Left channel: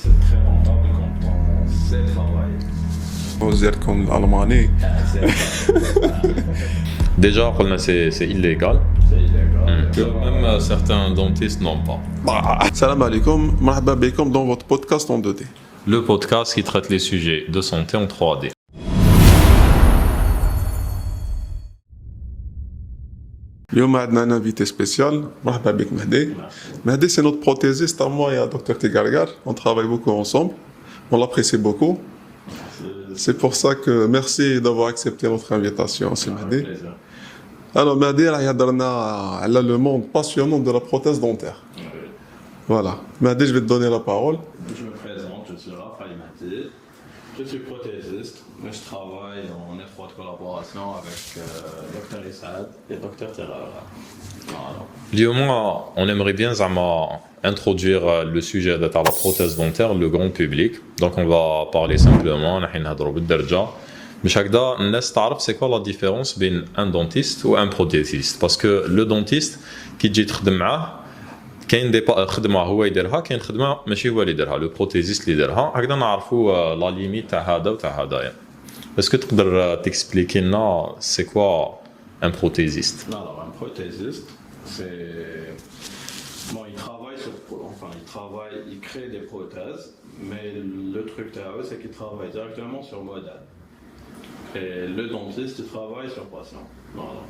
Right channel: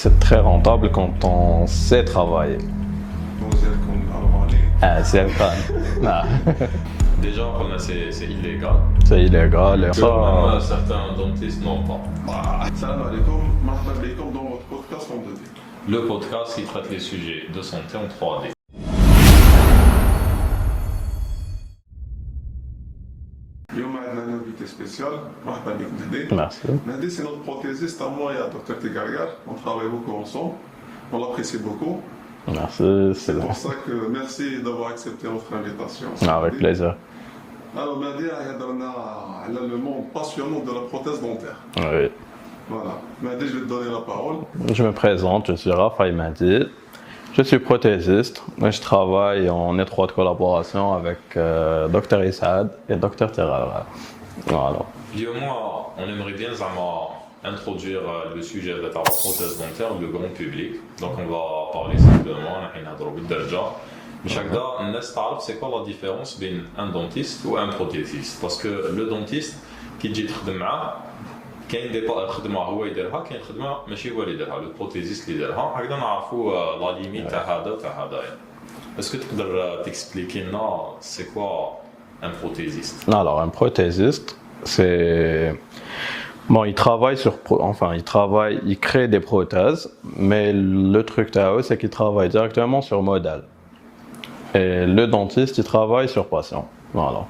c'est très rentable quand on sait travailler. comme l'Allemagne. Ah, c'est pas. Déjà, c'est illégal. C'est illégal. Même certains dentistes n'ont pas. Salam alaikum, marhaba bikoum dans votre podcast en 2D. Le podcast qui traite les sujets de santé en 3D. اليوم عندنا un invité spécial, marhaba bik Mehdi. Merci. Mehdi, c'est notre prothésiste à moi et à Dr Tigargar. On travaille beaucoup ensemble. On l'apprécie beaucoup. Merci. C'est pour ça que merci d'avoir accepté notre invitation. Avec plaisir. Alors Mehdi, il a le monde passionnant de la prothèse dentaire. Oui. Voilà. Mehdi, je vais te donner la parole. Je me présente, je suis Raphaël Mehdi. Je suis prothésiste et je travaille en étroite collaboration avec Dr Issad et Dr Tigargar. Voilà. اليوم, on aimerait bien introduire le sujet de la prothèse dentaire, le grand public. Donc on va parler simplement, نحن نهضروا بالدرجة. باش هكذا الناس تعرف c'est quoi la différence بين un dentiste ou un prothésiste. Parce que le dentiste كي تجي تخدم معاه كاين دي خدمه هو يديرها كاين خدمه ماشي هو اللي يديرها لو بروتيزيست اللي يديرها هكذا نعرفوا لا ليميت تاع هذا وتاع هذايا اسكو تقدر تكسبليكي لنا سي كوا ان بروتيزيست Alors, un prothésiste, c'est. Bon, il crée des prothèses, mais le truc c'est qu'il travaille directement sur modèle. Et le dentiste, il travaille sur patient. Voilà.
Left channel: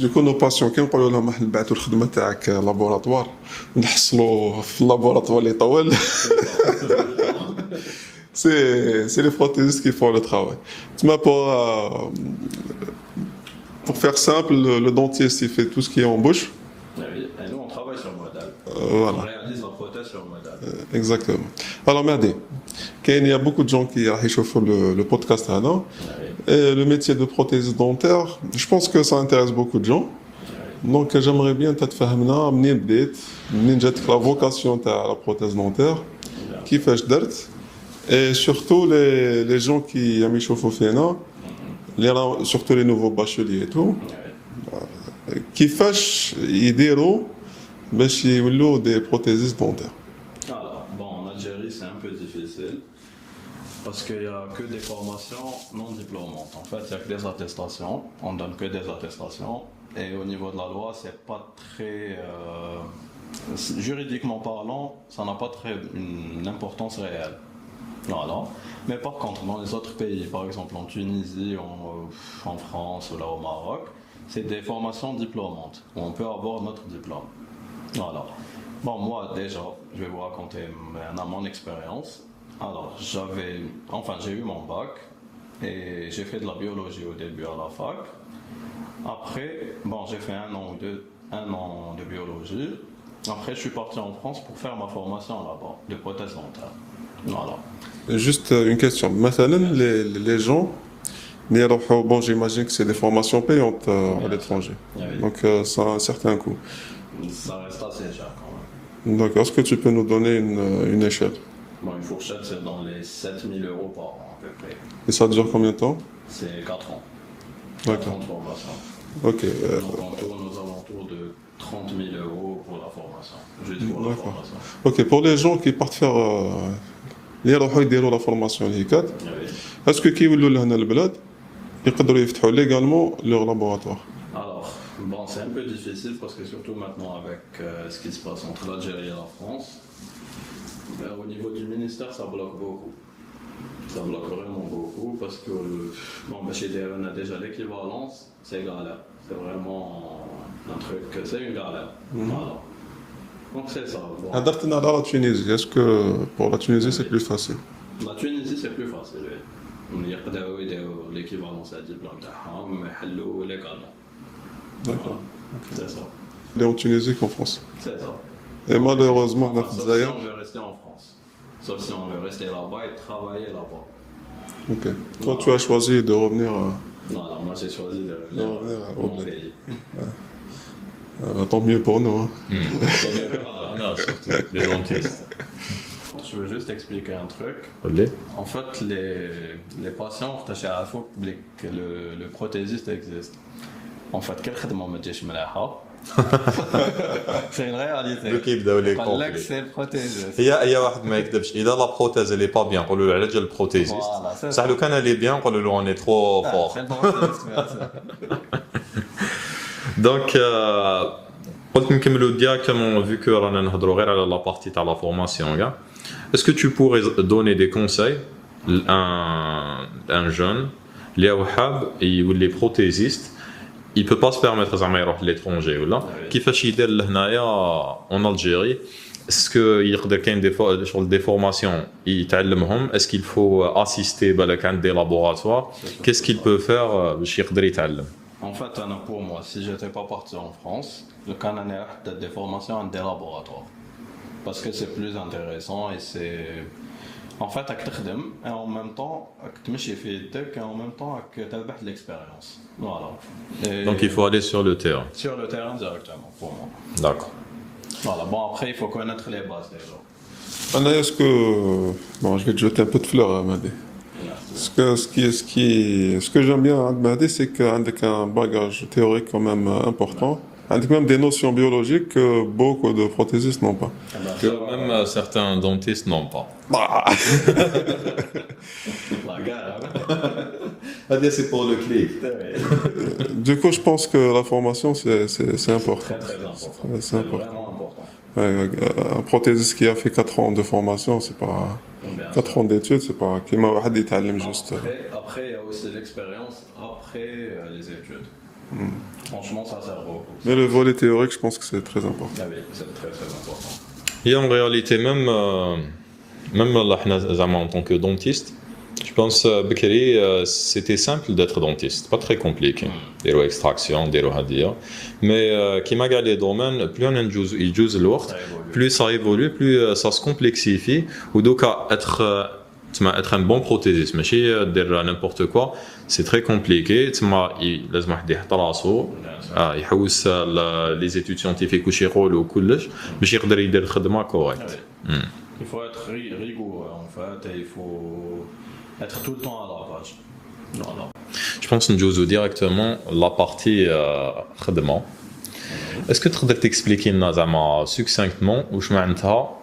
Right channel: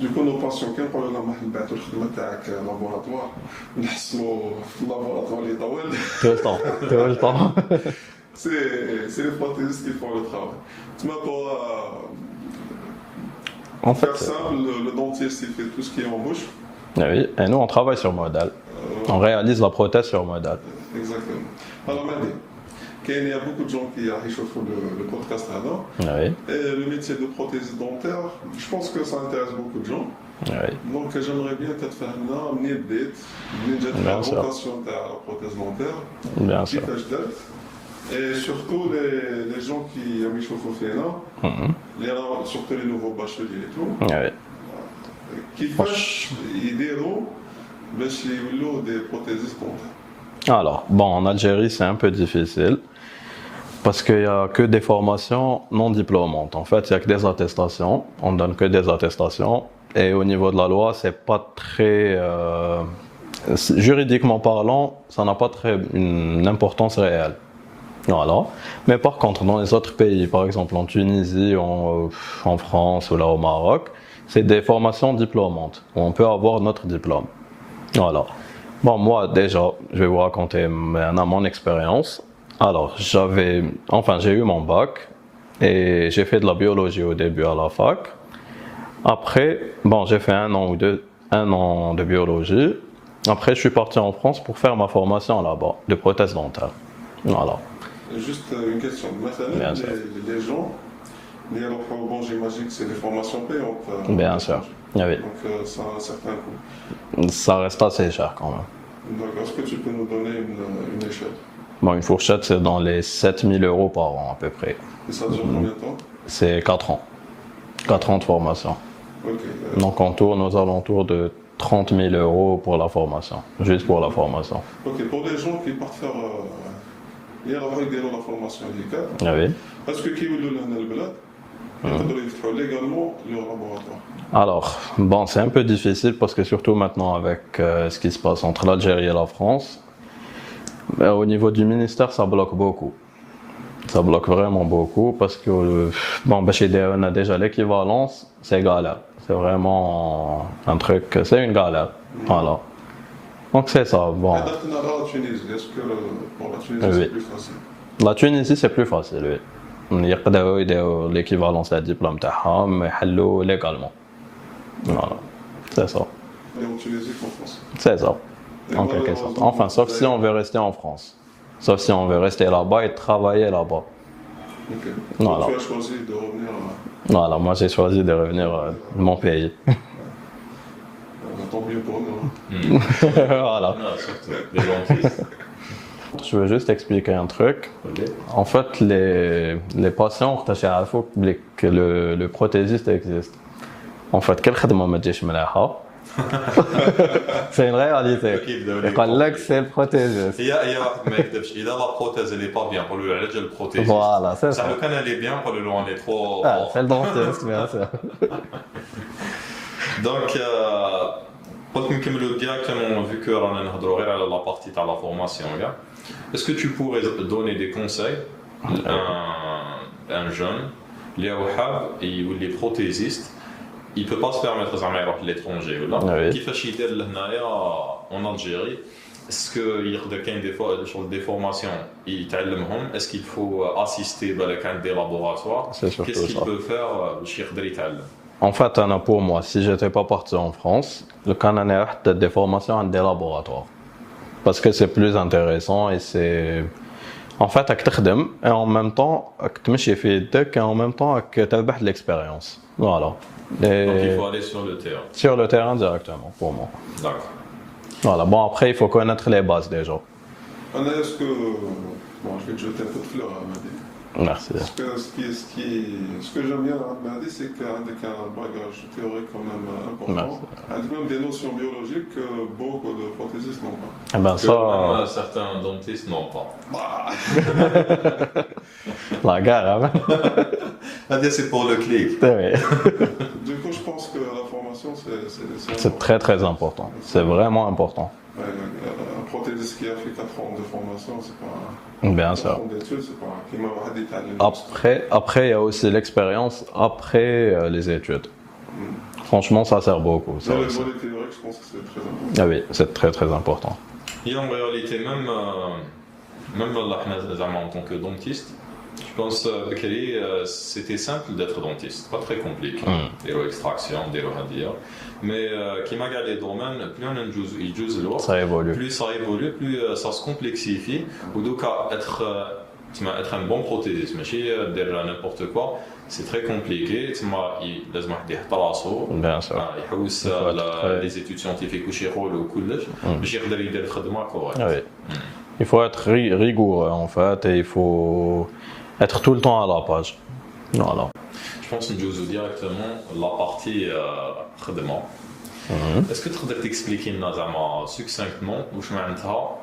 Du coup, nos patients, quand on parle de la نبعثوا الخدمة تاعك لابوراتوار نحصلوا في اللابوراتوار اللي طول. Tout le temps. C'est les prothésistes qui font le travail. Pour faire simple, le dentiste il fait tout ce qui est en bouche. Oui, et nous on travaille sur modèle. On réalise la prothèse sur modèle. Exactement. Alors Mehdi, il y a beaucoup de gens qui réchauffent le podcast là. Oui. Et le métier de prothésiste dentaire, je pense que ça intéresse beaucoup de gens. Oui. Donc j'aimerais bien تفهمنا منين بديت منين جات la Bien sûr. vocation تاع la prothèse dentaire. Bien sûr. كيفاش درت. Et surtout les gens qui aiment يشوفوا فينا, surtout les nouveaux bacheliers et tout. Oui. كيفاش يديروا باش يولوا des prothésistes dentaires. Alors, bon, en Algérie, c'est un peu difficile parce qu'il n'y a que des formations non diplômantes. En fait, il n'y a que des attestations. On ne donne que des attestations. Et au niveau de la loi, c'est pas très. Juridiquement parlant, ça n'a pas très une importance réelle. Voilà. Mais par contre, dans les autres pays, par exemple en Tunisie, en France ou là au Maroc, c'est des formations diplômantes. On peut avoir notre diplôme. Voilà. Bon, moi, déjà, je vais vous raconter mon expérience. Alors, j'ai eu mon bac et j'ai fait de la biologie au début à la fac. Après, bon, j'ai fait un an de biologie. Après, je suis parti en France pour faire ma formation là-bas, de prothèse dentaire. Voilà. Juste une question. Maintenant, les gens, bon, j'imagine que c'est des formations payantes à Bien l'étranger. sûr. Oui. Donc ça a un certain coût. Ça reste assez cher quand même. Donc est-ce que tu peux nous donner une échelle? Bon, une fourchette, c'est dans les 7 000 € par an à peu près. Et ça dure combien de temps? C'est 4 ans. 4 ans de formation. Ok. Donc on tourne aux alentours de 30 000 € pour la formation, juste pour la formation. Ok, pour les gens qui partent faire اللي يروحوا يديروا la formation اللي هيك, Oui. est-ce que كيولوا لهنا البلاد يقدروا يفتحوا légalement leur laboratoire? Alors, bon, c'est un peu difficile parce que surtout maintenant avec ce qui se passe entre l'Algérie et la France, au niveau du ministère, ça bloque beaucoup. Ça bloque vraiment beaucoup parce que, bon, on a déjà l'équivalence, c'est galère. C'est vraiment un truc, c'est une galère. Voilà. Donc c'est ça. Bon. هدرتنا على la Tunisie. Est-ce que pour la Tunisie c'est Oui. plus facile? La Tunisie, c'est plus facile, oui. يقدروا يديروا l'équivalence à diplôme تاعهم يحلوا légalement. Voilà. C'est ça. Et en Tunisie qu'en France. C'est ça. Et malheureusement, Enfin, sauf si on veut rester en France. Sauf si on veut rester là-bas et travailler là-bas. Ok. Donc Voilà. tu as choisi de revenir. Voilà, moi j'ai choisi de revenir de mon pays. Tant mieux pour nous. Hein. Voilà. Non, surtout les dentistes. Je veux juste expliquer un truc. En fait, les patients, que le prothésiste existe. En fait, quelle خدمة ما تجيش مليحة C'est une réalité. قال لك c'est le prothésiste. هي واحد ما يكذبش اذا لا بروتيز اللي با بيان نقولوا له على جال البروتيزيست Voilà, c'est صح ça. لو كان اللي بيان نقولوا له اون ترو Ah, فور c'est le dentiste, bien sûr. دونك قلت نكملوا ديريكتومون vu que رانا نهضروا غير على لا بارتي تاع لا فورماسيون كاع est-ce que tu pourrais donner des conseils à un jeune اللي هو حاب يولي بروتيزيست il peut pas se permettre زعما يروح لl'étranger ولا كيفاش يدير لهنايا en Algérie est-ce que يقدر كاين دي فورماسيون يتعلمهم est-ce qu'il faut assister بالك عند des laboratoires qu'est-ce qu'il peut faire باش يقدر يتعلم En fait, Anna, pour moi, si j'étais pas parti en France, le Canada a des formations dans des laboratoires. Parce que c'est plus intéressant et c'est... En fait, tu travailles et en même temps, tu et en même temps, tu as de l'expérience. Voilà. Et donc il faut aller sur le terrain sur le terrain directement, pour moi. d'accord Voilà. Bon, après, il faut connaître les bases déjà. Anna, est-ce que... Bon, je vais te jeter un peu de fleurs à Mahdi. Merci. Ce que j'aime bien à Mahdi, c'est qu'avec un bagage théorique quand même important, avec même des notions biologiques que beaucoup de prothésistes n'ont pas. Eh ben, que ça, même certains dentistes n'ont pas la gare, hein. ah bien c'est pour le clic Oui. Du coup, je pense que la formation, c'est C'est important. très très important. C'est vraiment important. Un prothésiste qui a fait 4 ans de formation, c'est pas... Bien 4 sûr. ans d'études, c'est pas... كيما واحد يتعلم juste. Après, il y a aussi l'expérience après les études. Franchement, ça sert beaucoup. Ça Mais le aussi. volet théorique, je pense que c'est très important. Ah oui, c'est très très important. Et en réalité, même là, زعما, en tant que dentiste, je pense Bekri, c'était simple d'être dentiste, pas très compliqué. Des extraction, des hadia. Mais qui m'a gagné les domaines, plus on a lourd, Ça évolue. plus ça évolue, plus ça se complexifie. Ou donc être un bon prothésiste, mais dire n'importe quoi, c'est très compliqué. لازم واحد يحط راسو Bien sûr. يحوس les études scientifiques وش يقولوا وكلش باش يقدر يدير الخدمه كويس. Ah oui. Il faut être rigoureux en fait et il faut être tout le temps à la page. Voilà. Je pense نجوزو directement la partie خدمه. Est-ce que تقدر تexpliquer لنا زعما succinctement واش معناتها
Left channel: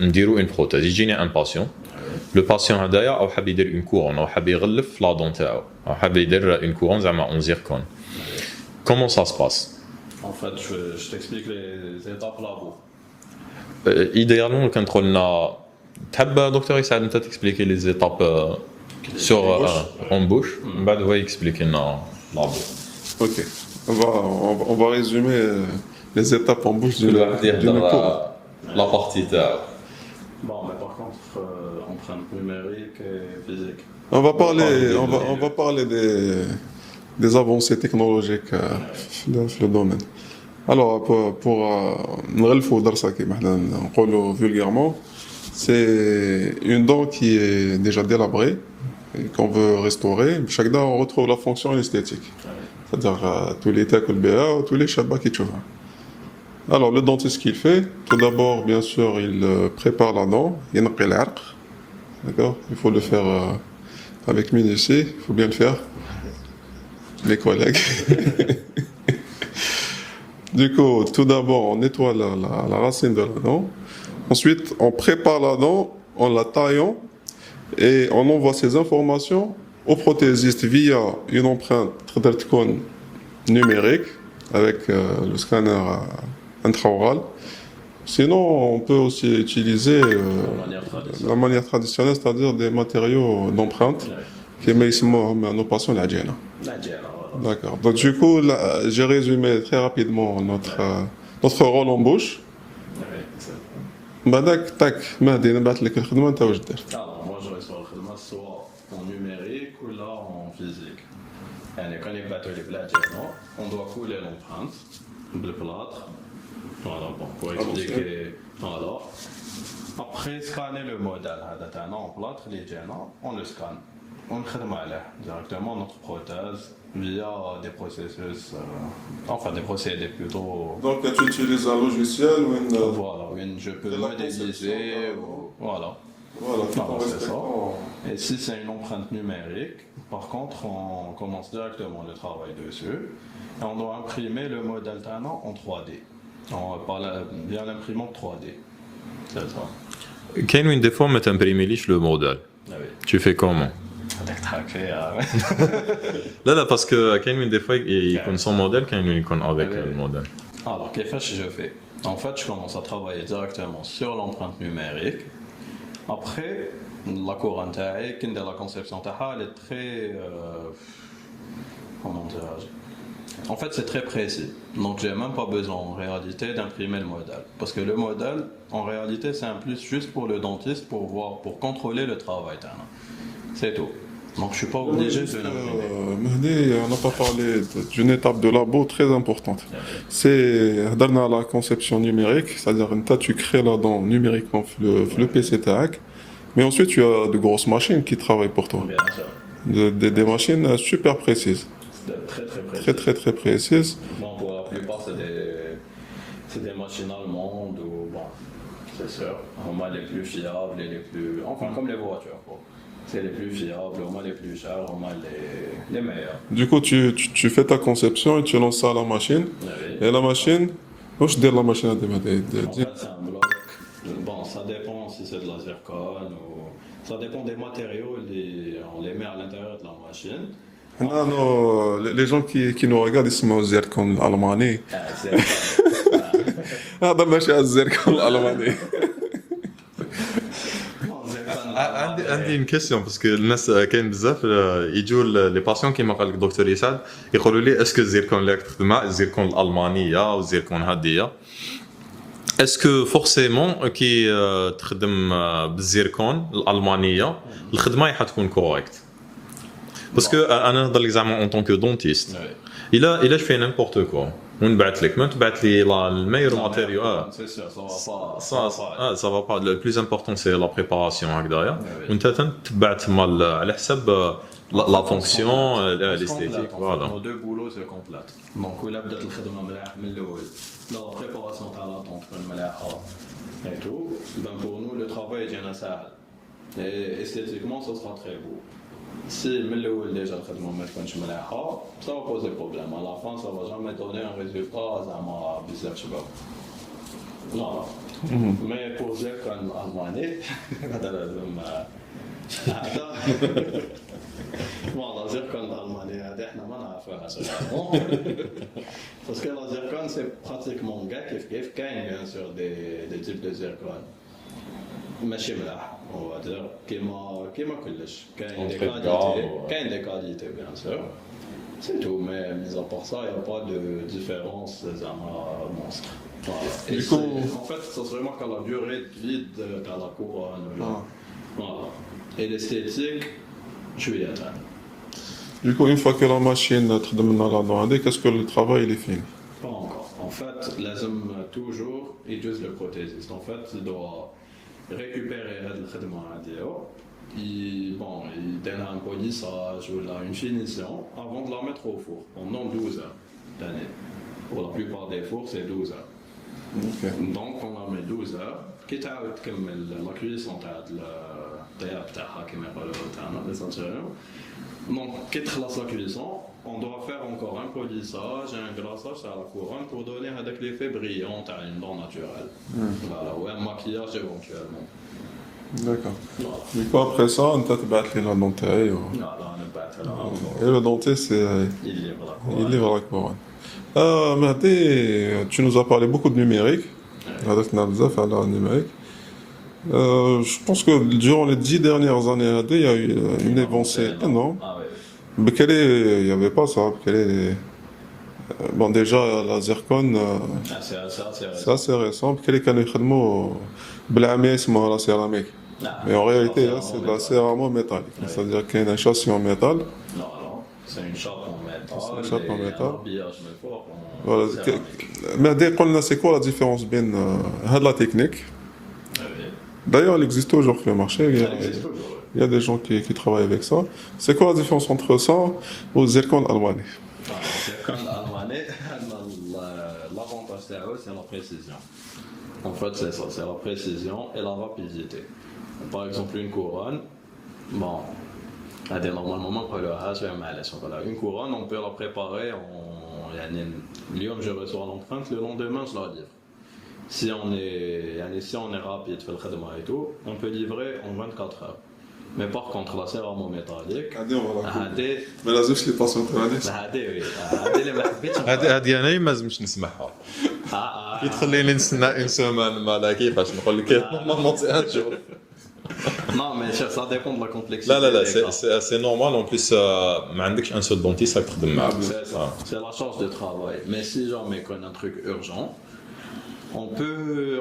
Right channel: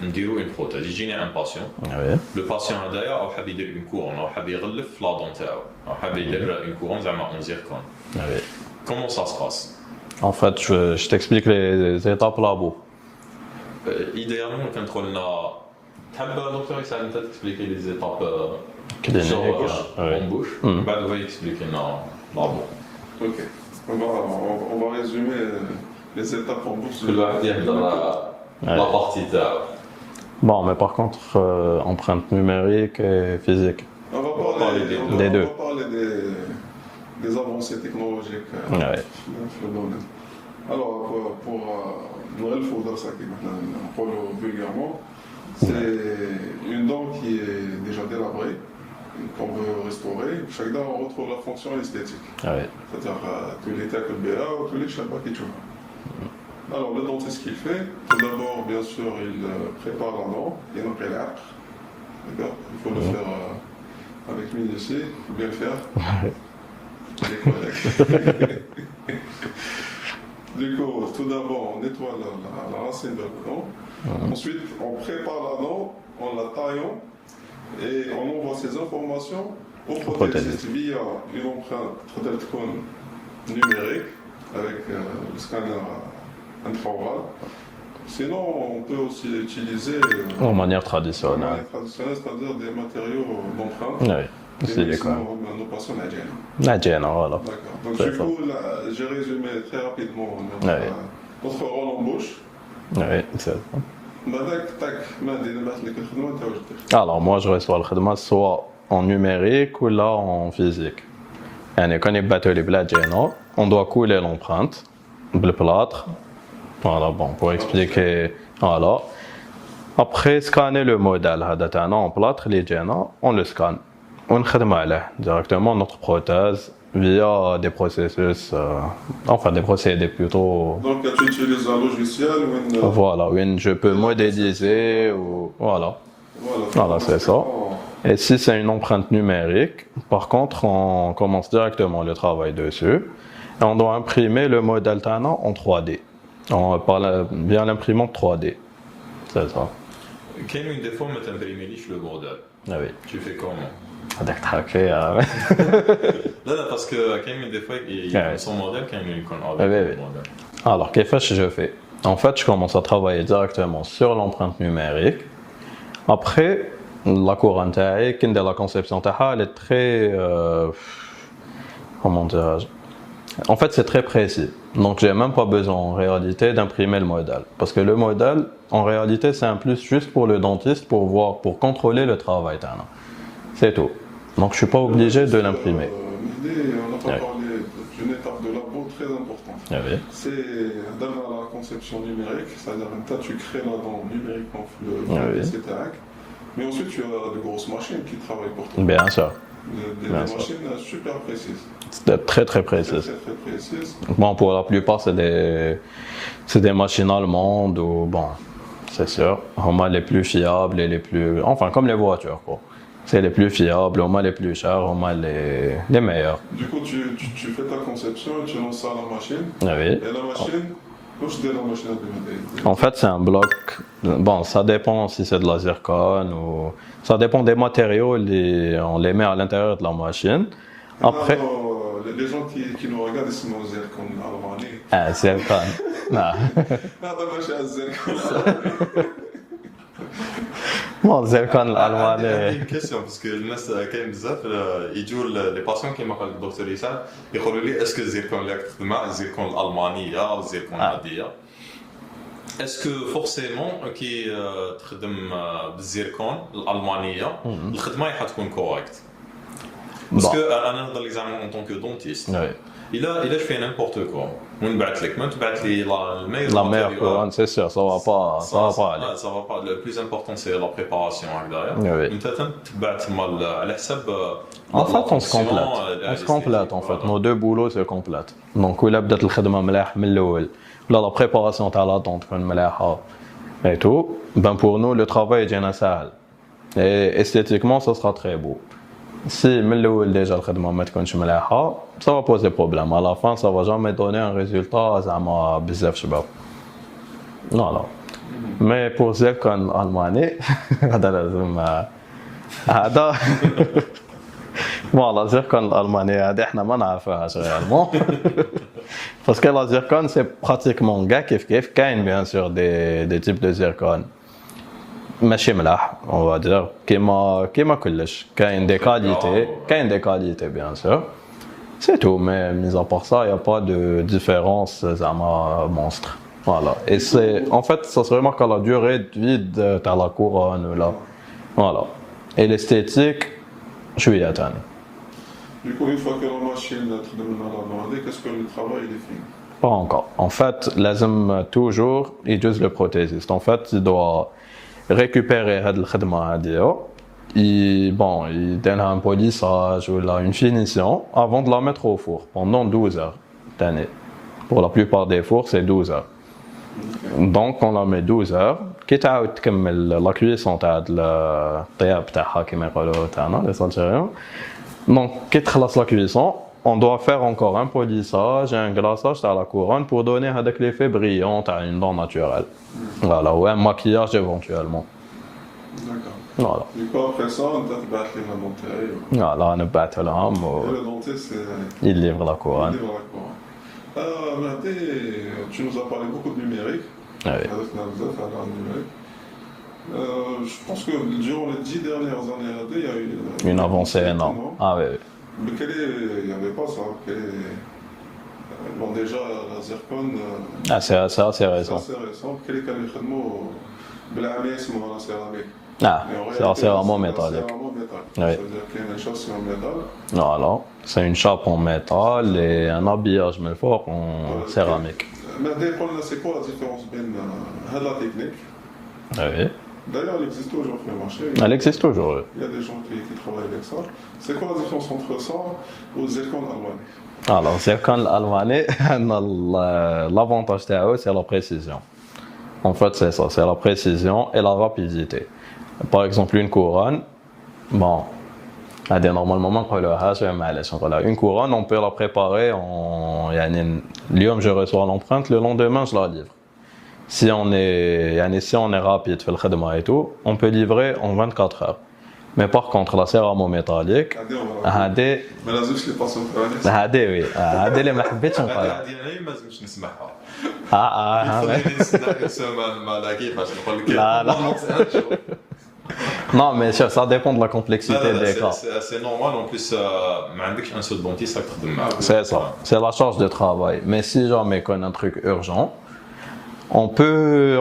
نديرو une prothèse يجيني un patient Ah oui. le patient هذايا او حاب يدير une couronne او حاب يغلف لا دون تاعو او حاب يدير une couronne زعما en zircon. Ah oui. Comment ça se passe? En fait, je t'explique les étapes labo. Idéalement كان تقولنا تحب دكتور يساعد انت تexpliquer les étapes sur en bouche من بعد هو يexpliquer لنا لابو. Ok. On va résumer les étapes en bouche de la partie تاعو. Bon, mais par contre, empreinte numérique et physique. On va parler, des deux. on va parler des avancées technologiques dans le domaine. Alors, pour نغلفوا درسها كيما حنا نقولوا vulgairement, c'est une dent qui est déjà délabrée, qu'on veut restaurer. Chaque dent, on retrouve la fonction esthétique. Ah oui. C'est-à-dire tous les تاكل بها ou tous les شابة qui تشوفها. Alors, le dentiste, ce qu'il fait, tout d'abord, bien sûr, il prépare la dent, il ينقي العرق. D'accord? Il faut le faire avec minutie, il faut bien le faire. Les collègues. Du coup, tout d'abord, on nettoie la racine de la dent. Ensuite, on prépare la dent en la taillant et on envoie ces informations au prothésiste via une empreinte numérique avec le scanner intraoral. Sinon, on peut aussi utiliser De manière la traditionnelle. manière traditionnelle, c'est-à-dire des matériaux d'empreinte. Ah oui. كما يسموهم nos patients العجينة. La gêne, voilà. D'accord. Donc du coup, là, j'ai résumé très rapidement notre rôle en bouche. Ah oui, c'est ça. بعدك تاك مهدي نبعث لك الخدمة أنت واش درت. Alors, moi, je reçois le khidma soit en numérique ou là en physique. يعني quand il battu les blas on doit couler l'empreinte, le plâtre. Voilà, bon, pour expliquer. Voilà. Après, scanner le modèle هذا تاعنا en plâtre les جينا, on le scanne. On خدمة عليه directement notre prothèse via des processus, enfin des procédés plutôt. Donc tu utilises un logiciel ou une. Voilà, où je peux modéliser ou voilà. Voilà, c'est ça. Et si c'est une empreinte numérique, par contre, on commence directement le travail dessus Et on doit imprimer le modèle تاعنا en 3D. On parle bien l'imprimante 3D. C'est ça. كاين وين دي فوا ما تمبريميليش لو موديل. Ah oui. Tu fais comment? هذاك تحكي لا باسكو كاين وين دي فوا يكون سون موديل كاين وين يكون افيك موديل. Alors, qu'est-ce que je fais? En fait, je commence à travailler directement sur l'empreinte numérique. Après, la couronne, la conception, elle est très. Comment dirais-je? En fait, c'est très précis. Donc, j'ai même pas besoin en réalité d'imprimer le modèle. Parce que le modèle, en réalité, c'est un plus juste pour le dentiste pour voir, pour contrôler le travail. C'est tout. Donc, je suis pas obligé de l'imprimer. Mehdi, on n'a pas parlé d'une étape de labo très importante. Ah oui. C'est dans la conception numérique, c'est-à-dire que tu crées la dent numériquement le PC TAC, mais ensuite tu as de grosses machines qui travaillent pour toi. Bien sûr. Des machines super précises. C'est très très précis. Très précises. Bon, pour la plupart, c'est des machines allemandes ou bon, c'est sûr. Au moins les plus fiables et les plus, enfin comme les voitures quoi. C'est les plus fiables, au moins les plus chers, au moins les meilleurs. Du coup, tu fais ta conception et tu lances ça à la machine. Ah oui. Et la machine, où je dis la machine à En fait, c'est un bloc. Bon, ça dépend si c'est de la zircone ou. Ça dépend des matériaux, on les met à l'intérieur de la machine. Après. Alors, les gens qui nous regardent, ils sont zircon allemand. Ah, zircon. هذا ماشي على الزركون الالماني. Bon, zircon الألماني. عندي une question parce que الناس كاين بزاف يجوا لي باسيون كيما قال لك دكتور يسعد يقولوا لي اسكو الزيركون اللي راك تخدمها الزيركون الالمانيه او الزيركون العاديه اسكو فورسيمون كي تخدم بالزيركون الالمانيه الخدمه حتكون كوريكت باسكو انا نهضر لك زعما اون طونك دونتيست الا جو في نيمبورت كو ونبعث لك ما تبعث لي الميور ماتيريال c'est sûr ça va pas ça va pas le plus important c'est la préparation هكذايا وانت تبعث مال على حسب la fonction on complète en fait nos deux boulots c'est complète donc ولا بدات الخدمه ملاح من الاول ولا la préparation تاع la dent تكون ملاحه et tout ben pour nous le travail يجينا سهل et esthétiquement ça sera très beau si من الاول ديجا الخدمه ما تكونش ملاحه ça va poser problème à la fin ça va jamais donner un résultat زعما بزاف شباب لا mais pour zircon allemand هذا لازم هذا والله zircon الألمانية هذه احنا ما نعرفوهاش réellement parce que la zircon c'est pratiquement كاع كيف كاين bien sûr des types de zircon ماشي ملاح on va dire كيما كلش كاين des qualités bien sûr c'est tout mais mis à part ça il y a pas de différence زعما monstre voilà et c'est en fait ça se remarque à la durée de vie de la couronne là voilà et l'esthétique شوية تاني. Du coup, une fois que la machine تخدم لنا la dent, qu'est-ce que le travail il est fini? Pas encore. En fait, لازم toujours يجوز le prothésiste. En fait, il doit récupérer هاد الخدمة هادية. Bon, il donne un polissage ou là, une finition avant de la mettre au four pendant 12 heures d'année. Pour la plupart des fours, c'est 12 heures. Okay. Donc, on la met 12 heures. كي تعاود تكمل لا كويسون تاع الطياب تاعها كيما يقولوا تاعنا لي سالجيريان دونك كي تخلص لا كويسون on doit faire encore un polissage et un glaçage تاع la couronne pour donner هذاك l'effet brillant تاع une dent naturelle voilà ou un maquillage éventuellement d'accord voilà du coup après ça انت تبعث لي la dent تاعي voilà نبعث لهم et le dentiste il livre la couronne Mehdi tu nous as parlé beaucoup de numérique. هذاك بزاف على النمريك. Je pense que durant les 10 dernières années, il y a eu une avancée énorme. Ah oui. Bekele, il n'y avait pas ça. Bekele, bon, déjà, la zircon. C'est assez récent. C'est assez récent. Bekele, quand ils font blâmer, c'est la céramique. Ah, mais en réalité, c'est vraiment métallique. C'est-à-dire qu'il y a une châssis en métal. Non. C'est une chape en métal et un habillage mais fort en céramique. Mais c'est quoi la différence entre la technique? Oui. D'ailleurs, elle existe toujours sur le marché. Elle existe toujours. Il y a des gens qui travaillent avec ça. C'est quoi la différence entre ça et le zircon allemand? Alors, zircon allemand, l'avantage c'est la précision. En fait, c'est ça, c'est la précision et la rapidité. Par exemple, une couronne, bon, Normalement, ما نقولوهاش معليش نقولها. Une couronne, on peut la préparer en يعني اليوم je reçois l'empreinte, le lendemain je la livre. Si on est rapide في الخدمة et tout, on peut livrer en 24 heures. Mais par contre la céramo-métallique هذه ما لازمش لي باسون هذه وي هذه اللي ما حبيتش نقولها. هذه انا ما لازمش نسمعها. خليني نستنى انسان ما كيفاش نقول لك. لا. Non, mais ça dépend de la complexité des cas. C'est normal, en plus, ما عندكش un seul dentiste qui تخدم معاه. C'est ça, c'est la charge de travail. Mais si jamais qu'on a un truc urgent, on peut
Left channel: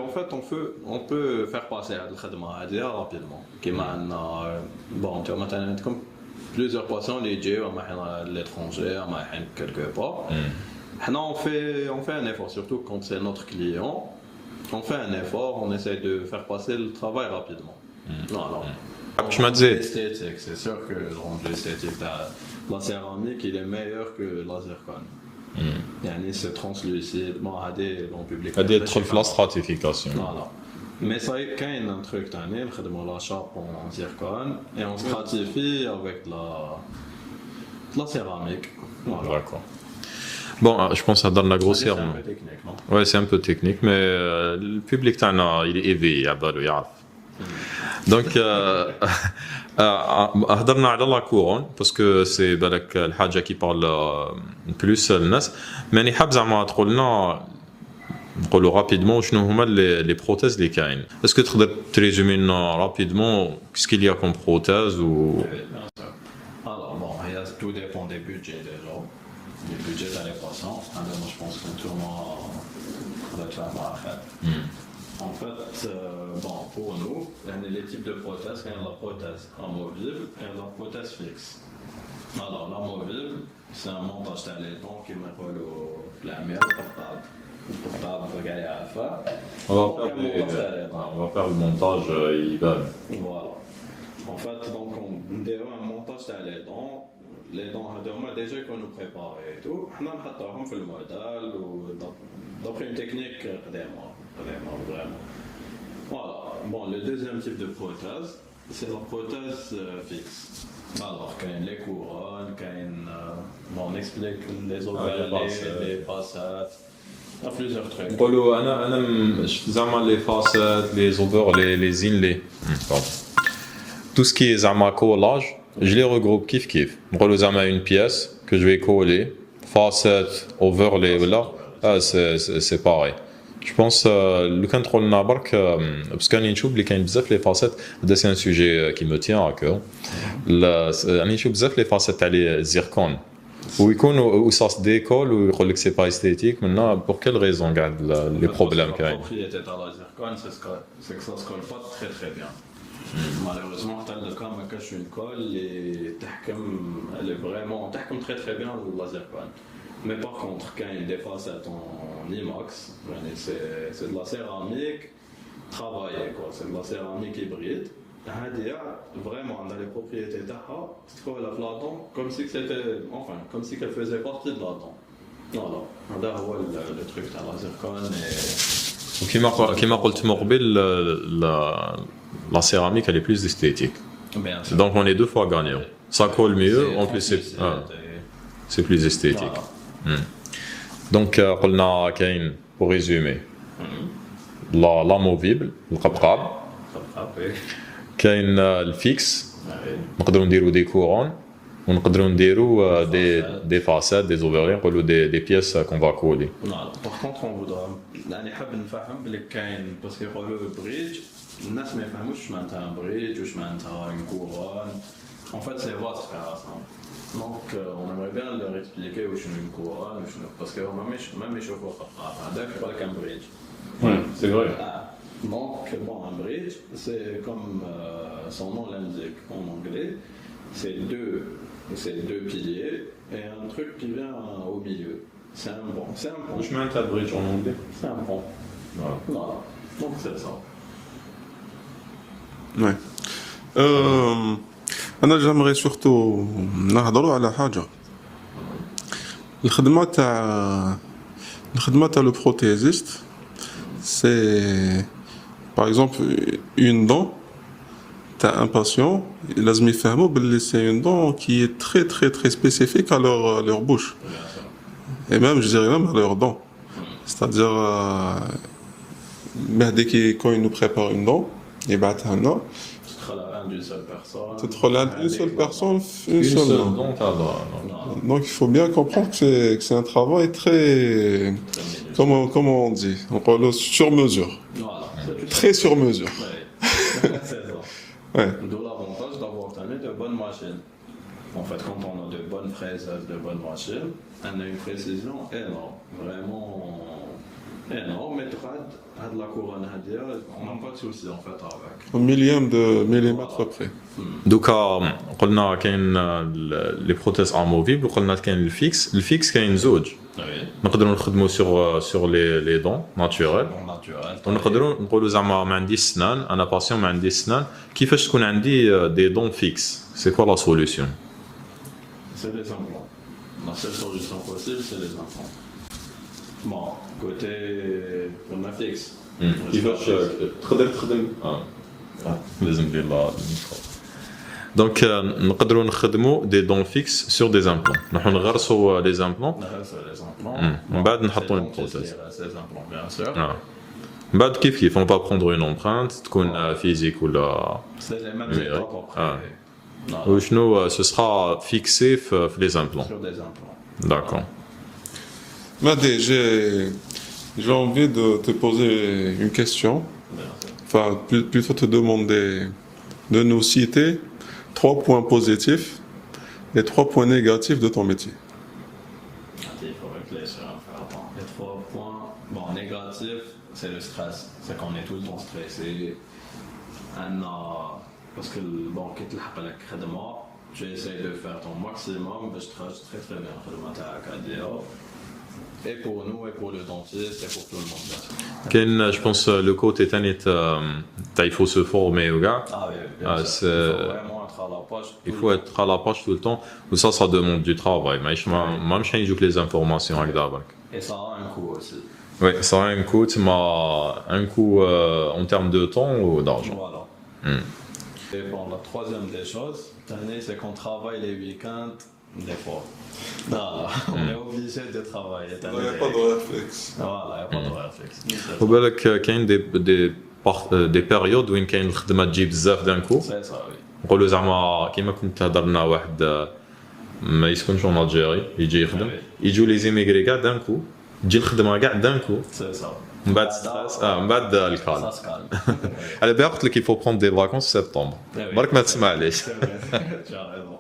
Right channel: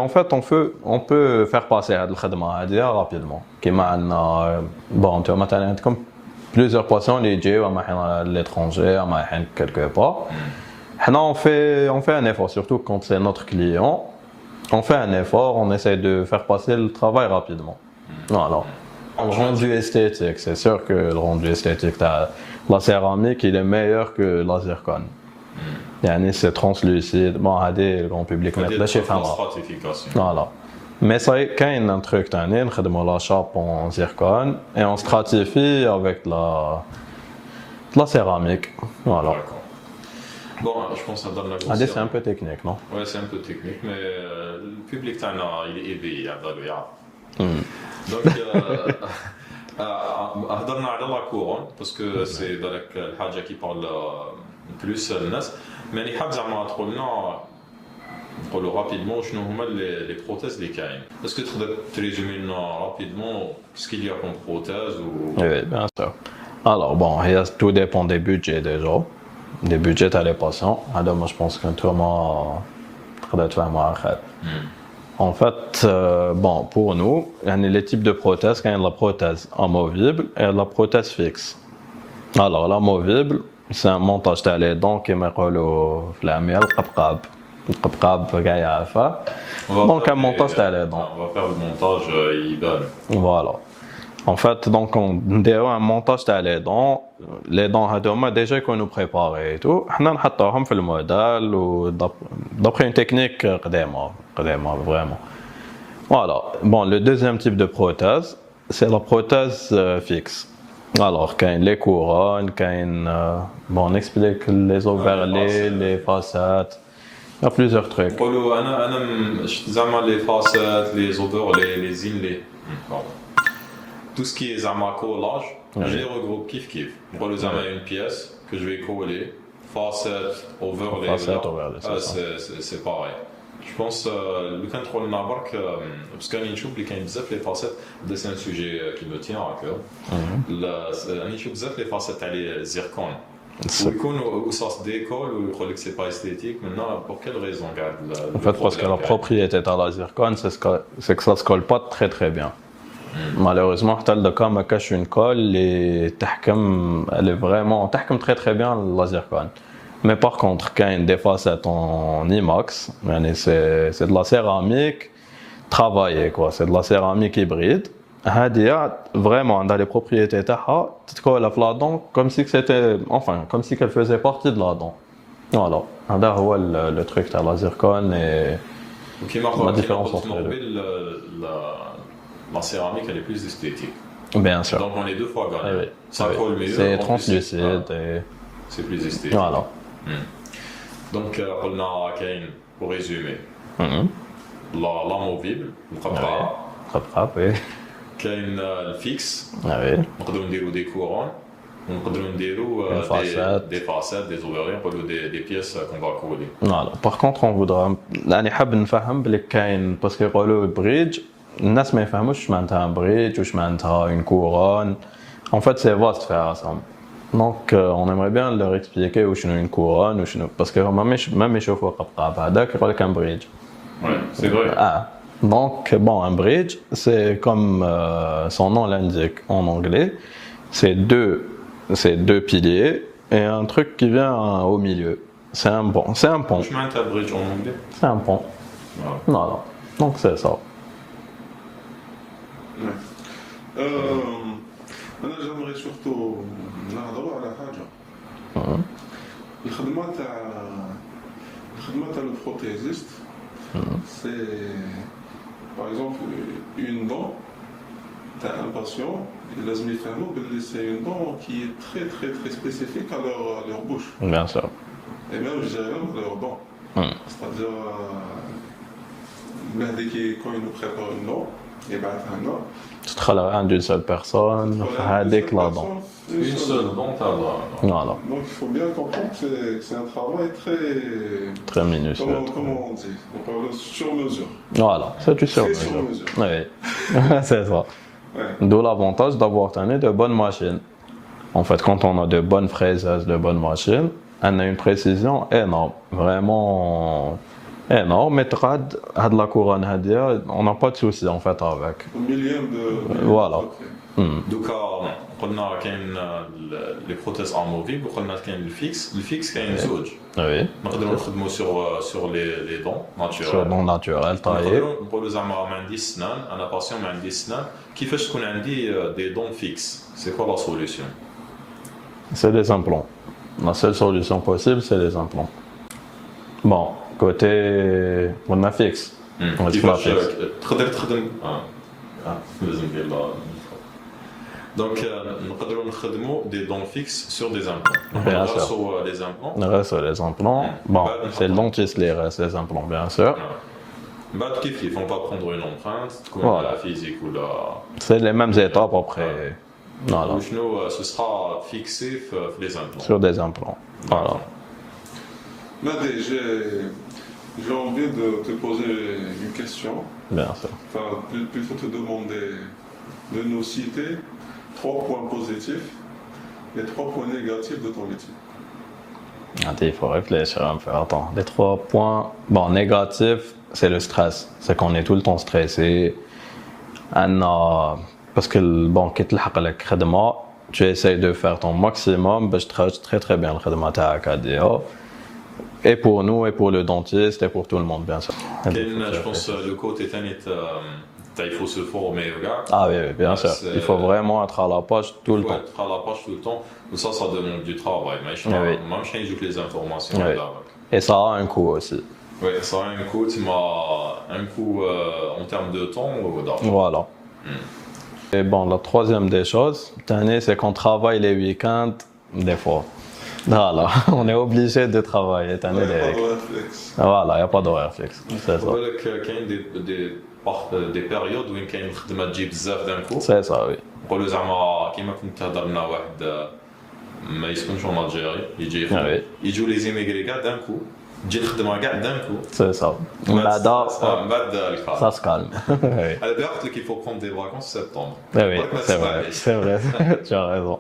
faire passer هاد الخدمة هادي rapidement. كيما عندنا bon tu vois مثلا عندكم plusieurs patients اللي يجيو اما حين à l'étranger اما حين quelque part. حنا on fait un effort, surtout quand c'est notre client. On fait un effort, on essaie de faire passer le travail rapidement. Voilà. Le rendu esthétique, c'est sûr que le rendu esthétique de la céramique, il est meilleur que la zircone. C'est translucide. Bon, le grand public met la stratification. Voilà. Mais ça, quand il y a un truc, on la chape en zircone et on stratifie avec la céramique. Voilà. Bon, je pense que ça donne la grosseur. C'est un peu technique, non? Oui, c'est un peu technique, mais le public, il est éveillé, il y a Donc, هضرنا على لا كورون باسكو سي بالك الحاجه كي بارل بلوس الناس ماني حاب زعما تقول لنا نقولوا رابيدمون شنو هما لي بروتيز اللي كاين اسكو تقدر تريزومي لنا رابيدمون كيسكيل يا كوم بروتيز و Oui, bien sûr. Alors bon, tout dépend des budgets déjà, des budgets à les patients. Alors moi je pense que tout le monde تقدر تفهمها اخر. En fait, bon, pour nous, les types de prothèses, il y a la prothèse amovible et la prothèse fixe. Alors, l'amovible, c'est un montage de dents qui me colle au flammier, le qabqab. Le qabqab, donc, un montage de dents. On va faire le montage IBAN. Voilà. En fait, donc, on a un montage de dents. Les dents, déjà qu'on nous prépare et tout. On a mis le modèle d'après une technique vraiment. Voilà. Bon, le deuxième type de prothèse, c'est la prothèse fixe. Alors, quand les couronnes, bon, on explique les overlays, les facettes. Il y a plusieurs trucs. Les facettes, les overlays, les inlays. Tout ce qui est zama collage, je les regroupe kiff. Une pièce que je vais coller, facette, overlay, c'est pareil. Je pense le contrôle nabark parce qu'on y trouve les facettes, c'est un sujet qui me tient à cœur. On y trouve les facettes à les zircon. Où ça se décolle ou que c'est pas esthétique, maintenant pour quelle raison garde le problème? Parce que la propriété de la zircone, c'est que ça se colle pas très bien. Malheureusement, le cas me cache une colle et elle est vraiment très bien la zircone. Mais par contre, quand il y a des facettes en inox, c'est de la céramique travaillée, quoi. C'est de la céramique hybride. Vraiment, dans les propriétés, tu colles la dent comme si qu'elle faisait partie de la dent. Voilà. C'est le truc de la zircone et... Qui m'a la céramique, elle est plus esthétique. Bien sûr. Donc on est deux fois gagnant. Oui. Ça colle mieux. C'est translucide. C'est plus esthétique. Voilà. Donc, pour résumer, l'amovible, le qabqab, le fixe, on peut dire des couronnes, on peut dire des facettes, des overlays, des pièces qu'on va coller. Voilà. Par contre, on voudra, parce que le bridge, الناس ما يفهموش معناتها un bridge وش معناتها une couronne. En fait, c'est vaste faire ensemble. Donc, on aimerait bien leur expliquer où une couronne, parce que même les chauffeurs هذاك يقول لك un bridge. Ouais, c'est vrai. Donc, bon, un bridge, c'est comme son nom l'indique en anglais, c'est deux piliers et un truc qui vient au milieu. C'est un pont. Je m'entends un bridge en anglais. C'est un pont. Voilà. Donc, c'est ça. Ouais. أنا j'aimerais surtout نهضروا على حاجة. الخدمة تاع le prothésiste, c'est par exemple une dent t'as un patient, il a c'est une dent qui est très très très spécifique à leur bouche. Bien sûr. Et même, je dirais même à leurs dents. C'est-à-dire, quand il nous prépare une dent, il bat un dent. Tu te relèves d'une seule personne. Tu te relèves d'une seule personne, une seule dent, voilà. Donc il faut bien comprendre que c'est un travail très. Très minutieux. Comment on dit? On parle sur mesure. Voilà, c'est du Très sur mesure. Oui, c'est ça. Ouais. D'où l'avantage d'avoir de bonnes machines. En fait, quand on a de bonnes fraises, de bonnes machines, on a une précision énorme, vraiment énorme. Mais de la couronne, on n'a pas de souci en fait avec. Un millième Voilà. près. Donc, قلنا كاين les prothèses amovibles وقلنا كاين الفيكس كاين زوج Oui. نقدروا نخدموا sur les dents naturelles Non naturel. نقدروا نقولوا زعما ما عنديش سنان انا باسيون ما عنديش سنان كيفاش تكون عندي دي دون فيكس سي كوا لا سوليوشن C'est des implants. La seule solution possible, c'est les implants. Bon, côté. On a fixe. On كيفاش تقدر تخدم لازم ندير دونك نقدروا نخدموا دي دون فيكس سور دي امبلون نغرسوا لي امبلون Reste les implants. Bon, c'est le dentiste qui reste les implants, bien sûr. من بعد كيف on va prendre une empreinte تكون physique ولا C'est les mêmes étapes après. Voilà. وشنو ce sera fixé في les implants Sur des implants. d'accord Madé, j'ai envie de te poser une question. Bien sûr. Enfin, plutôt te demander de nous citer 3 points positifs et 3 points négatifs de ton métier. Attends, il faut réfléchir un peu. Attends, les 3 points. Bon, négatifs, c'est le stress. C'est qu'on est tout le temps stressé. Parce que bon, tu essayes de faire ton maximum, je travaille très très bien le khidma. Et pour nous, et pour le dentiste, et pour tout le monde, bien sûr. je pense le côté il faut se former au gars. Ah oui, bien sûr. Il faut vraiment être à la page tout le temps. Il faut être à la page tout le temps. Ou ça demande du travail. Mais même si je les informations. Et ça a un coût aussi. Oui, ça a un coût, un coût en termes de temps ou d'argent. Voilà. Et bon, la troisième des choses, c'est qu'on travaille les week-ends, des fois. Voilà, on est obligé de travailler. Il n'y a pas d'horaire fixe. Voilà, il n'y a pas d'horaire fixe. Il y a des périodes où il y a une خدمة تجي بزاف d'un coup. C'est ça, oui. نقولوا زعما كيما كنت هضرنا واحد ما يسكنش en Algérie يجي يجوا لي زيميغري كاع d'un coup تجي الخدمة كاع d'un coup. C'est ça. من بعد الكار. Ça se calme. على بالي قلت لك il faut prendre des vacances en septembre. برك ما تسمعليش. C'est vrai, tu as raison.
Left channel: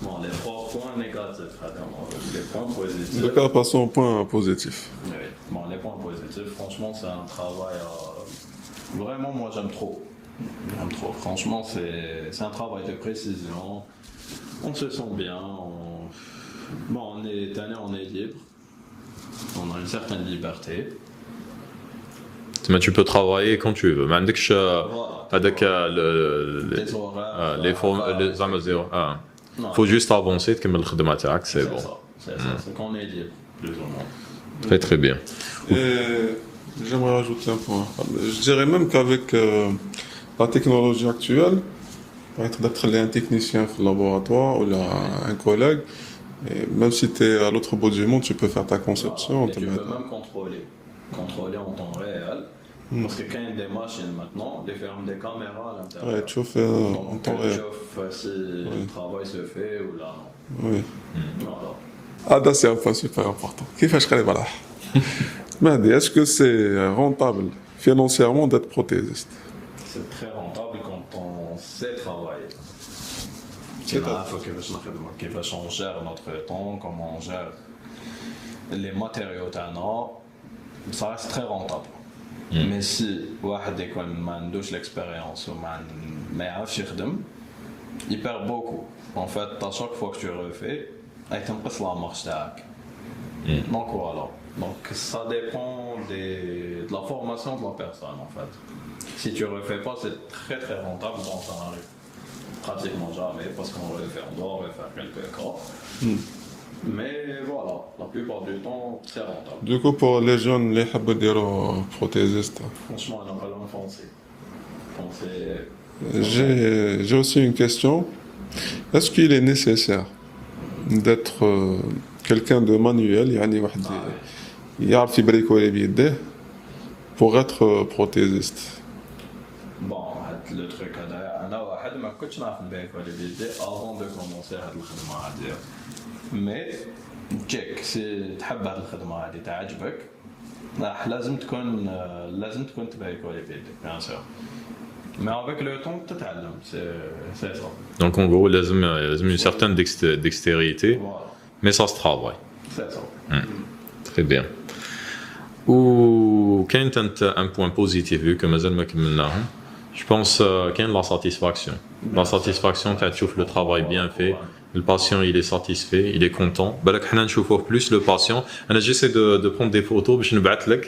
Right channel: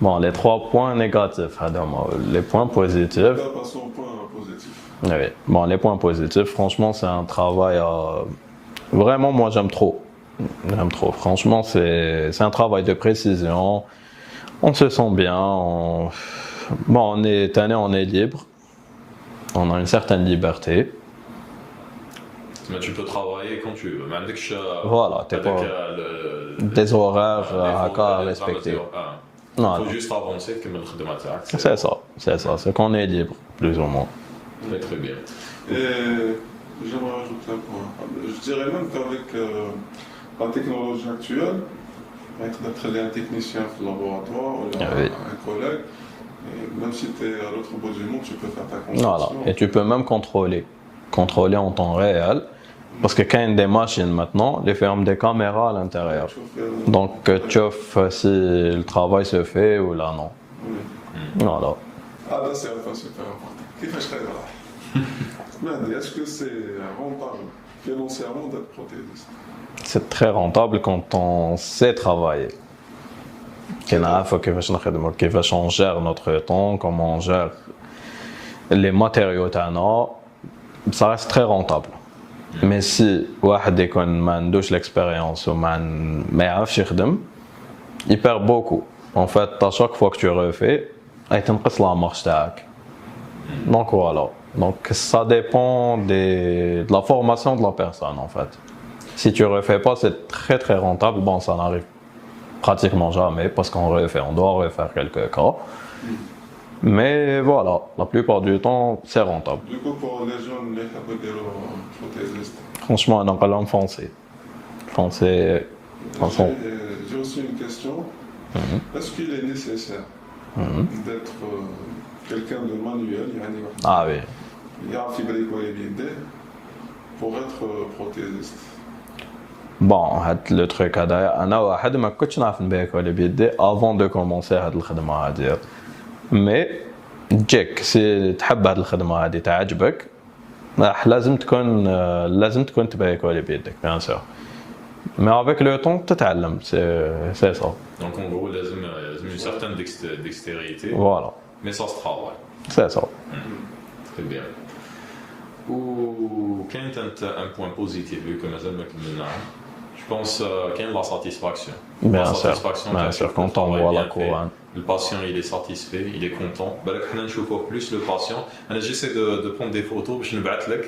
Bon, les 3 points négatifs, les points positifs. D'accord, passons au point positif. Oui. Bon, les points positifs, franchement, c'est un travail. Vraiment, moi, j'aime trop. J'aime trop. Franchement, c'est un travail de précision. On se sent bien. Bon, on est libre. On a une certaine liberté. Mais tu peux travailler quand tu veux. Voilà. Des horaires. Il faut juste avancer comme le khidma تاعك. C'est ça, c'est qu'on est libre, plus ou moins. Très très bien. Et j'aimerais rajouter un point. Je dirais même qu'avec la technologie actuelle, peut-être d'être un technicien au laboratoire ou un collègue, et même si tu es à l'autre bout du monde, tu peux faire ta conception. Voilà. Et tu peux même contrôler en temps réel. Parce que quand il y a des machines maintenant, les ferment des caméras à l'intérieur. Donc tu vois si le travail se fait ou là non. Oui. Voilà. Ah, c'est un point super important. Est-ce que c'est rentable financièrement d'être prothésiste? C'est très rentable quand on sait travailler. On gère notre temps, comment on gère les matériaux, ça reste très rentable. Mais si واحد يكون ما عندوش l'expérience ou ما يعرفش يخدم, il perd beaucoup. En fait, à chaque fois que tu refais, تنقص la marche تاعك. Donc voilà. Donc ça dépend de la formation de la personne en fait. Si tu refais pas, c'est très très rentable. Bon, ça n'arrive pratiquement jamais parce on doit refaire quelques cas. Mais voilà, la plupart du temps, c'est rentable. Du coup, pour les jeunes, les habits prothésistes. Franchement, on a pas l'homme foncé. J'ai aussi une question. Est-ce qu'il est nécessaire d'être quelqu'un de manuel, يعني واحد Ah oui. يعرف يبريكولي بيديه pour être prothésiste? Bon, le truc هذايا انا واحد ما كنتش نعرف نبيكولي بيدي avant de commencer هاد الخدمه هادي. مي جيك سي تحب هاد الخدمه هادي تعجبك لازم تكون تبيكولي بيدك بيان سور. Mais avec le temps, tu t'apprends, c'est ça. Donc en gros, il y a une certaine dextérité, Voilà, mais ça se travaille. c'est ça. Très bien. Ou quand tu as un point positif, vu que je pense qu'il y a la satisfaction. La satisfaction quand tu fais le travail bien fait, le patient il est satisfait, il est content. Je vois plus le patient. J'essaie de prendre des photos, je ne bats pas.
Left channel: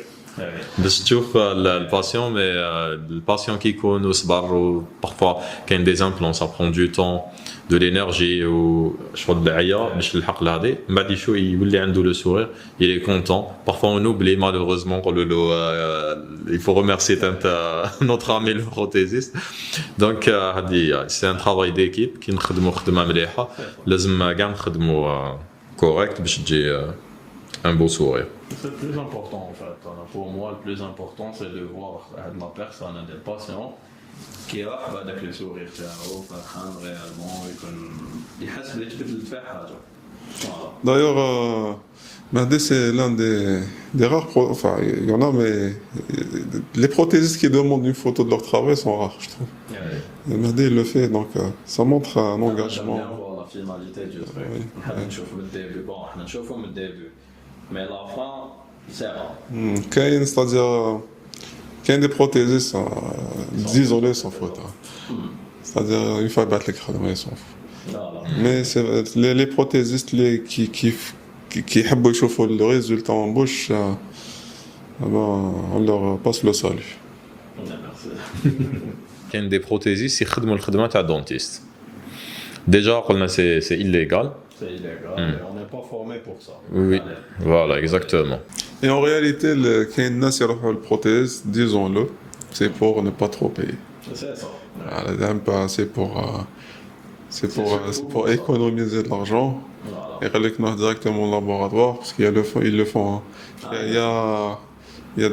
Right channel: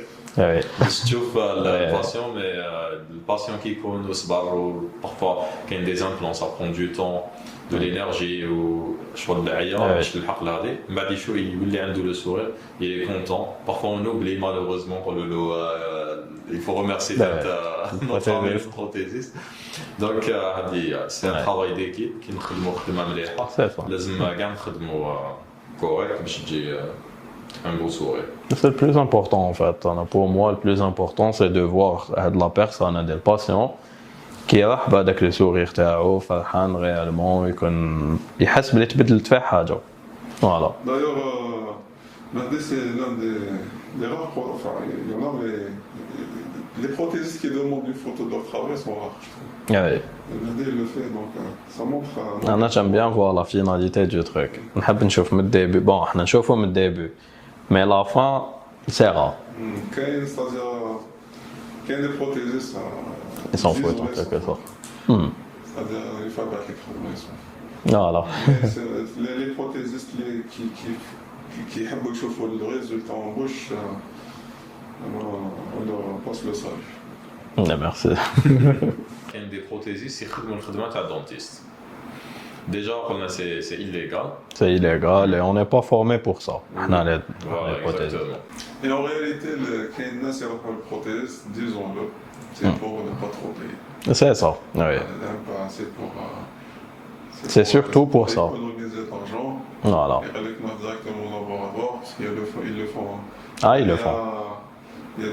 باش تشوف الباسيون مي الباسيون كيكون صبر parfois كاين des implants ça prend du temps de l'énergie ou شغل دعيه باش نلحق لهادي من بعد يشوف يولي عنده le sourire il est content parfois on oublie malheureusement نقولوا له il faut remercier notre ami le prothésiste donc هادي c'est un travail d'équipe كي نخدموا خدمه مليحه لازم كاع نخدموا correct باش تجي un beau sourire. C'est le plus important en fait. Pour moi, le plus important, c'est de voir la personne, le patient, qui est avec le sourire تاعو فرحان réellement يكون يحس بلي تبدلت فيه حاجة. Voilà. D'ailleurs, Mahdi, c'est l'un des rares. Enfin, il y en a, mais les prothésistes qui demandent une photo de leur travail sont rares, je trouve. Oui. Et Mahdi, il le fait, donc ça montre un engagement. Moi, j'aime bien voir la finalité du truc. نحب نشوف من الديبي. Bon, احنا نشوفه من الديبي. Mais la fin, c'est rare. C'est-à-dire qu'il y a des prothésistes isolés sans photo. C'est-à-dire, une fois battre les crânes, ils sont fous. Voilà. Mais les prothésistes qui aiment voir le résultat en bouche, on leur passe le salut. Merci. كاين des prothésistes يخدموا الخدمه تاع الدونتيست. Déjà, c'est illégal. C'est illégal et on n'est pas formé pour ça. Oui. Voilà, exactement. Et en réalité, quand il y a une prothèse, disons-le, c'est pour ne pas trop payer. C'est ça. Oui. C'est surtout pour ça. Économiser de l'argent. Voilà. Et aller directement au laboratoire, parce qu'ils le font. Ah, ils le font. Il y a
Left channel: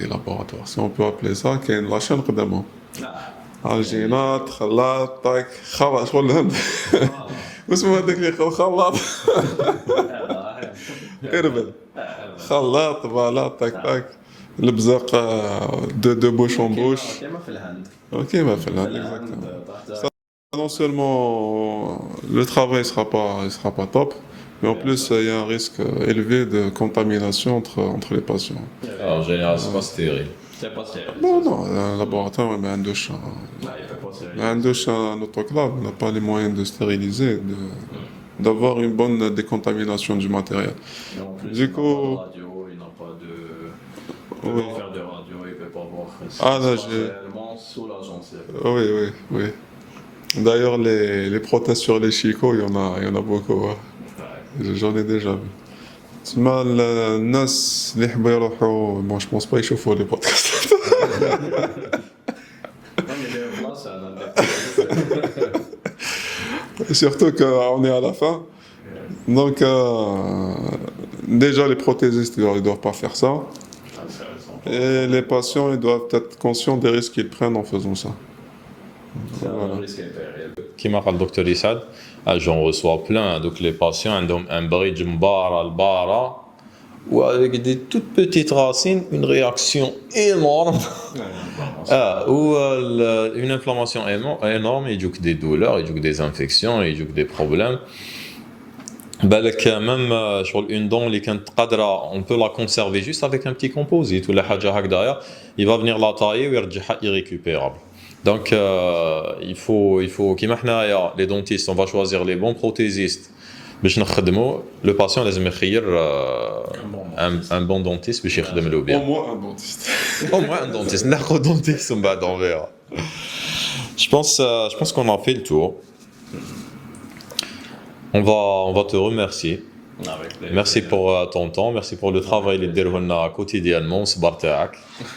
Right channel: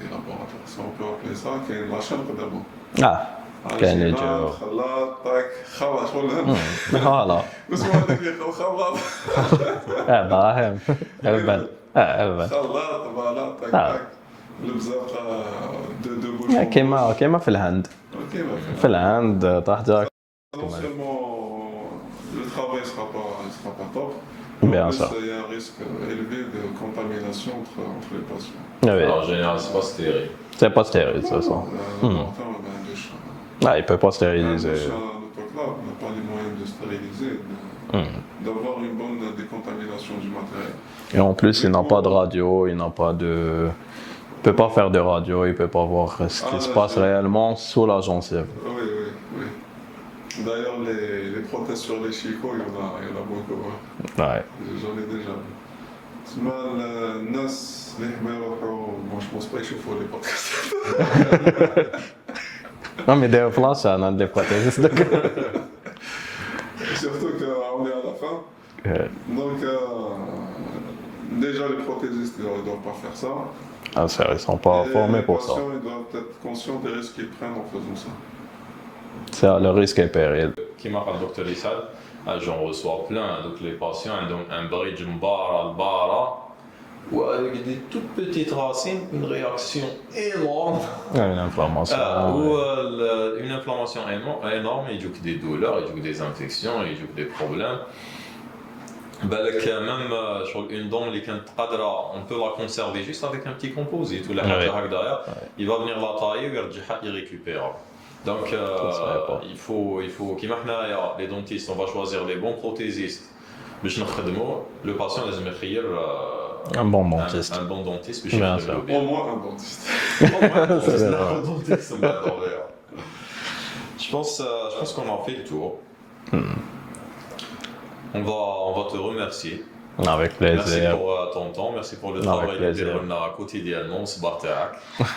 des laboratoires, si on peut appeler ça, qui est la chaîne de Ah. الجينات خلاط طاك خلاط شغل فوالا واسمو هذاك اللي يقول خلاط ابراهيم خلاط بلاط طاك طاك البزاق دو بوشون بوش كيما في الهند كيما في الهند طاح جاك Non seulement le travail sera pas top, mais en plus il y a un risque élevé de contamination entre les patients. En général, c'est pas stérile. C'est pas stérile, c'est ça. Un laboratoire, mais un douche. Il peut pas stériliser. Un douche, un autoclave, on n'a pas les moyens de stériliser, d'avoir une bonne décontamination du matériel. Et en plus, il n'a pas de radio, il n'a pas de. Il peut pas faire de radio, il peut pas voir ce qui se passe réellement sous la gencive. Oui. D'ailleurs, les prothèses sur les chicots, il y en a beaucoup. Ouais. J'en ai déjà vu. تسمى الناس اللي يحبوا يروحوا ما جو بونس با يشوفوا لي بودكاست Non mais des places on a des prothèses. Surtout qu'on est à la fin. Donc déjà les prothésistes ils doivent pas faire ça. Ah ça ils sont pas et formés les pour patients ils doivent être conscients des risques qu'ils prennent en faisant ça. C'est le risque et péril. كيما قال الدكتور إسعاد j'en reçois plein donc les patients عندهم un bridge مبارة البارة ou avec des toutes petites racines une réaction énorme Une inflammation. ou une inflammation énorme يجوك des douleurs يجوك des infections يجوك des problèmes بالك même شغل une dent اللي كانت قادرة on peut la conserver juste avec un petit composite ولا حاجة هكذايا il va venir la tailler ويرجعها irrécupérable. Donc, il faut كيما حنايا les dentistes, on va choisir les bons prothésistes باش نخدموا le patient لازم يخير un bon dentiste باش يخدم له bien. Au moins un dentiste. Au moins un dentiste. ناخذ dentiste ومن بعد on verra. Je pense qu'on a fait le tour. On va te remercier Avec plaisir. Merci pour ton temps, merci pour le travail que tu fais quotidiennement,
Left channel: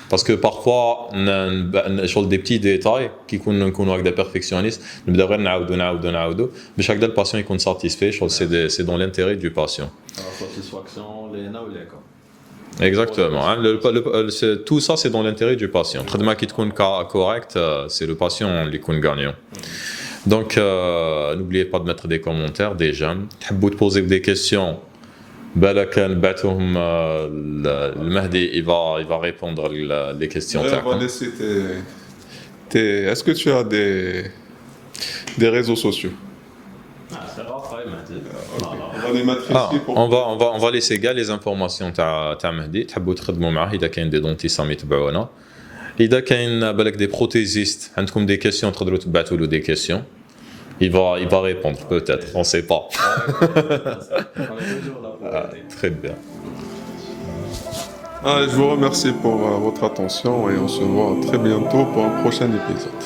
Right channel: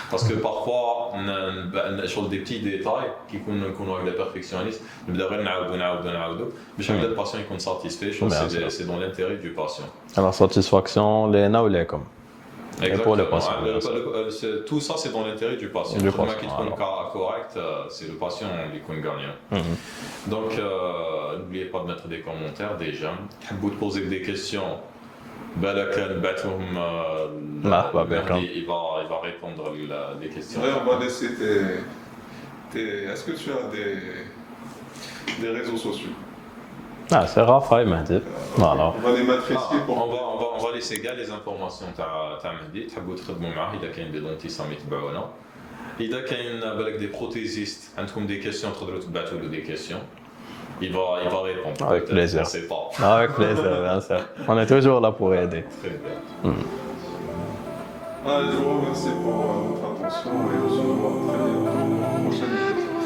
parce que parfois, sur des petits détails qui sont avec des perfectionnistes, nous devons mais chaque patient est satisfait, c'est dans l'intérêt du patient. La satisfaction, les na ou les comme. Exactement. Tout ça, c'est dans l'intérêt du patient. Le traitement qui est correct, c'est le patient qui est gagnant. Donc, n'oubliez pas de mettre des commentaires, des j'aime. Si vous poser des questions, Mahdi, il va répondre les questions. Est-ce que tu as des réseaux sociaux? Ah, c'est Raphaël Mahdi. Voilà. On va les mettre ici. On va laisser les informations de Mahdi. Si vous voulez معاه إذا كاين des dentistes يتبعونا. إذا كاين بالك des prothésistes عندكم des questions تقدروا تبعثوا له des questions. Il va répondre peut-être, on ne sait pas. Avec plaisir, bien sûr. On est toujours là pour aider. Très bien. Je vous remercie pour votre attention et on se voit très bientôt pour un prochain épisode.